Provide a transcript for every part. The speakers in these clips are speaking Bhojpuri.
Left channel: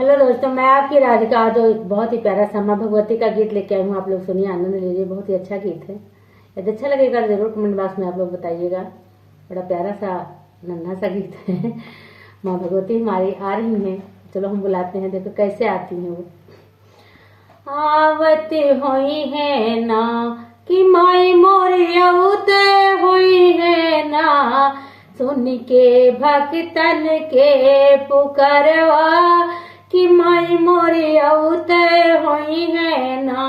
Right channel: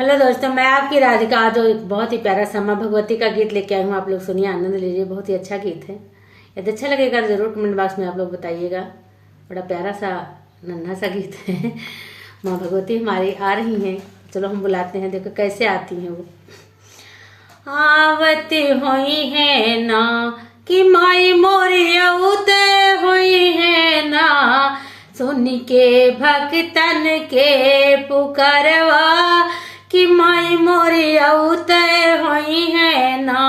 हेलो दोस्तों, मैं आपकी राधिका। आज एक बहुत ही प्यारा सा माँ भगवती का गीत लेके आई हूँ। आप लोग सुनिए, आनंद लीजिए। बहुत ही अच्छा गीत है। यदि अच्छा लगेगा जरूर कमेंट बॉक्स में आप लोग बताइएगा। बड़ा प्यारा सा नन्हा सा गीत है। माँ भगवती हमारी आ रही हैं, चलो हम बुलाते हैं। देखो कैसे आती हैं वो। आवती हुई है ना कि माई मोरी औते हुई है ना, सुन के भक्तन के पुकारवा कि माई मोरी औते हुई है ना।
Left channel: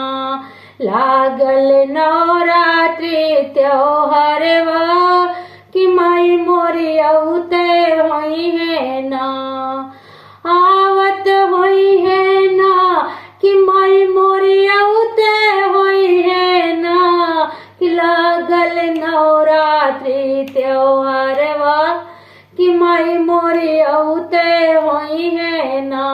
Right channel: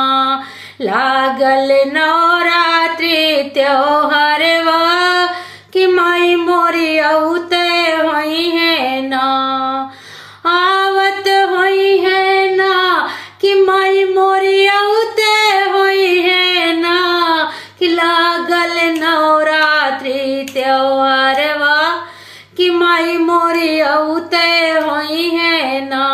लागल नवरात्रि त्योहारवा कि माई मोरी औते हुई है ना। आवत हुई है ना कि माई मोरी औते हुई है ना, कि लागल नवरात्रि त्योहारवा कि माई मोरी औते हुई है ना।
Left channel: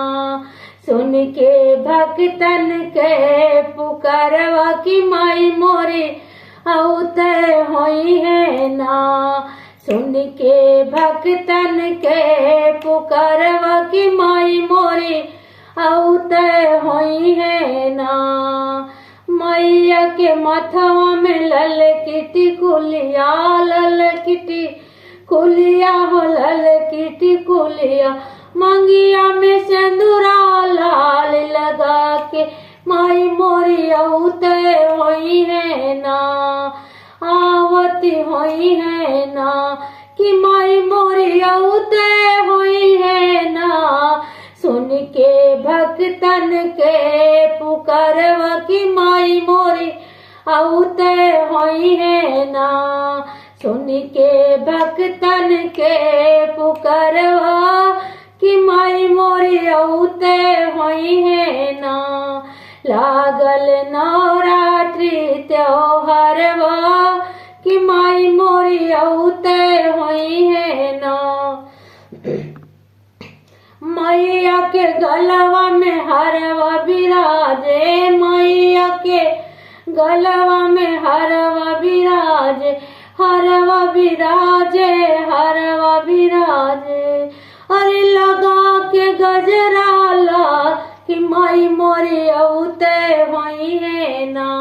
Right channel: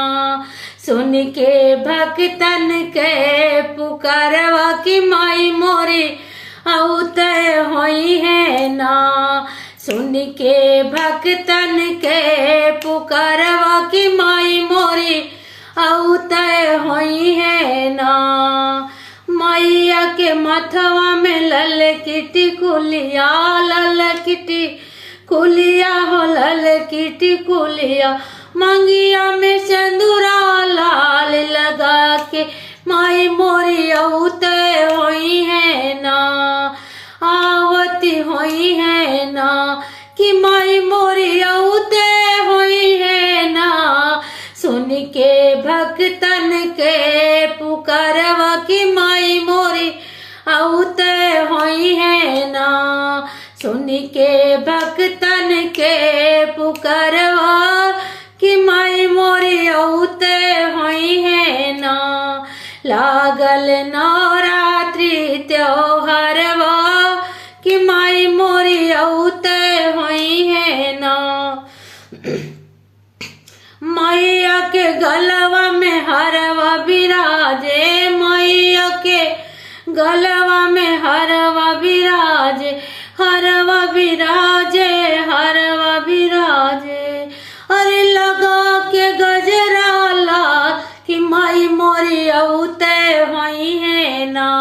सुन के भक्तन के पुकारवा कि माई मोरी औते हुई है ना। सुन के भक्तन के पुकारवा कि माई मोरी औते हुई है ना। मैया के मथवा में लल किटी कुलिया, लल किटी कुलिया हो, लल किटी कुलिया। मंगिया में सिंदूरा लाल लगा के माई मोरी औते हुई है ना। आवती हुई है ना कि माई मोरी औते हुई है ना। सुन के भक्तन के पुकारवा कि माई मोरी औते हुई है ना। सुन के भक्तन के पुकारवा कि माई मोरी औते हुई है ना। लागल नवरात्रि त्योहारवा कि माई मोरी औते हुई है ना। मैया के गलवा में हरवा विराजे, मैया के गलवा में हरवा विराजे, हरवा विराजे, हरवा विराजे। अरे लगा के गजरा लाल कि माई मोरी औते हुई है ना।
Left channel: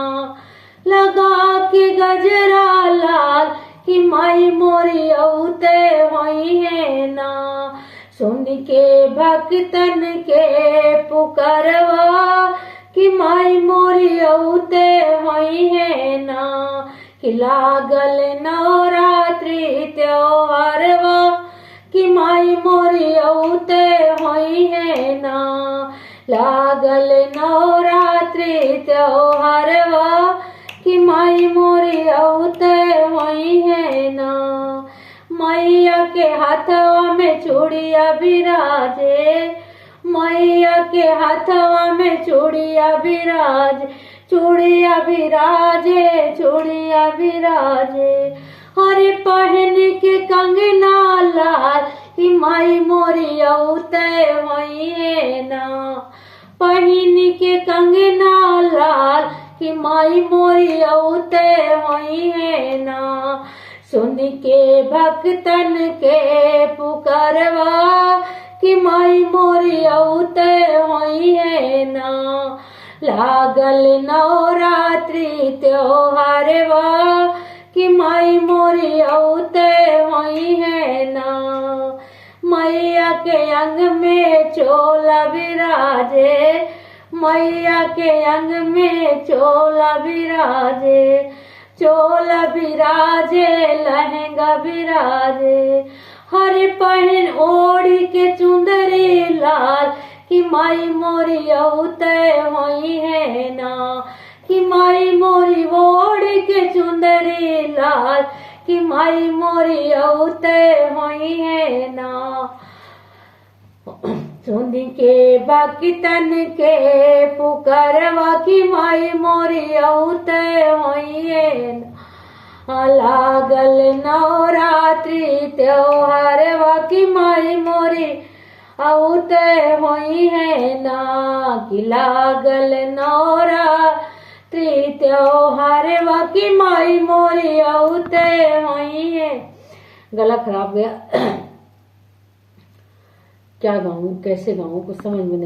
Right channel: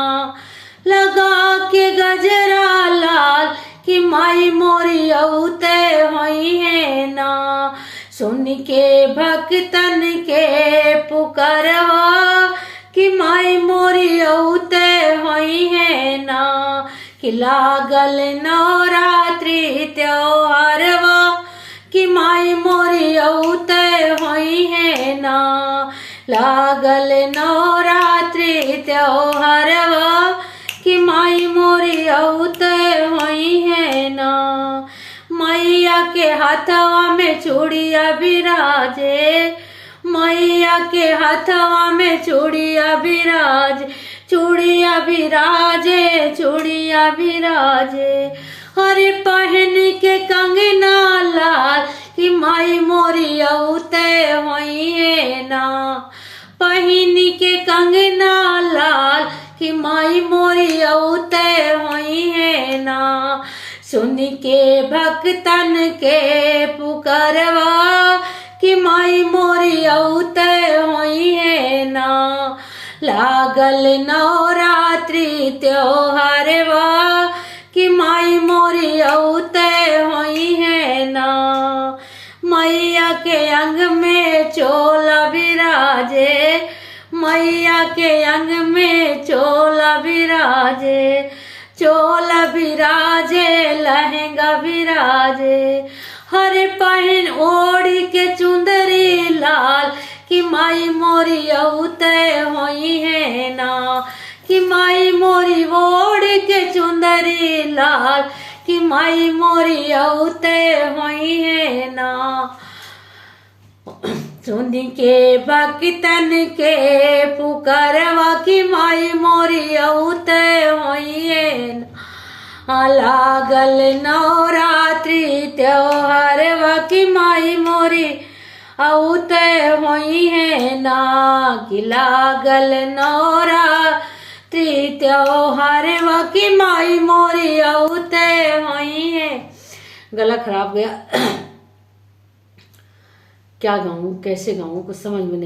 लगा के गजरा लाल कि माई मोरी औते हुई है ना। सुन के भक्तन के पुकारवा कि माई मोरी औते हुई है ना। कि लागल नवरात्रि त्योहारवा कि माई मोरी औते हुई है ना। लागल नवरात्रि त्योहारवा कि माई मोरी औते हुई है ना। मैया के हाथवा में चूड़िया विराजे, मैया के हाथवा में चूड़िया विराजे, चूड़िया विराजे, चूड़िया विराजे। हरे पहन के कंगना लाल कि माई मोरी औते हुई है ना। पहन के कंगना लाल कि माई मोरी औते हुई है ना। सुन के भक्तन के पुकारवा कि माई मोरी औते हुई है ना। लागल नवरात्रि त्योहारवा कि माई मोरी औते हुई है ना। मैया के अंग में चोला विराजे, मैया के अंग में चोला विराजे, चोला विराजे, लहंगा विराजे। हरे पहन ओढ़ी के चुंदरी लाल कि माई मोरी औते हुई है ना। कि माई मोरी ओढ़ के चुंदरी लाल कि माई मोरी औते हुई है ना। सुन के भक्तन के पुकारवा कि माई मोरी औते हुई है ना। लागल नवरात्रि त्योहारवा कि माई मोरी औते हुई है ना। कि लागल नवरात्रि त्योहारवा कि माई मोरी औते हुई है। गला खराब गया। क्या गाऊं, कैसे गाऊं, कुछ समझ में नहीं।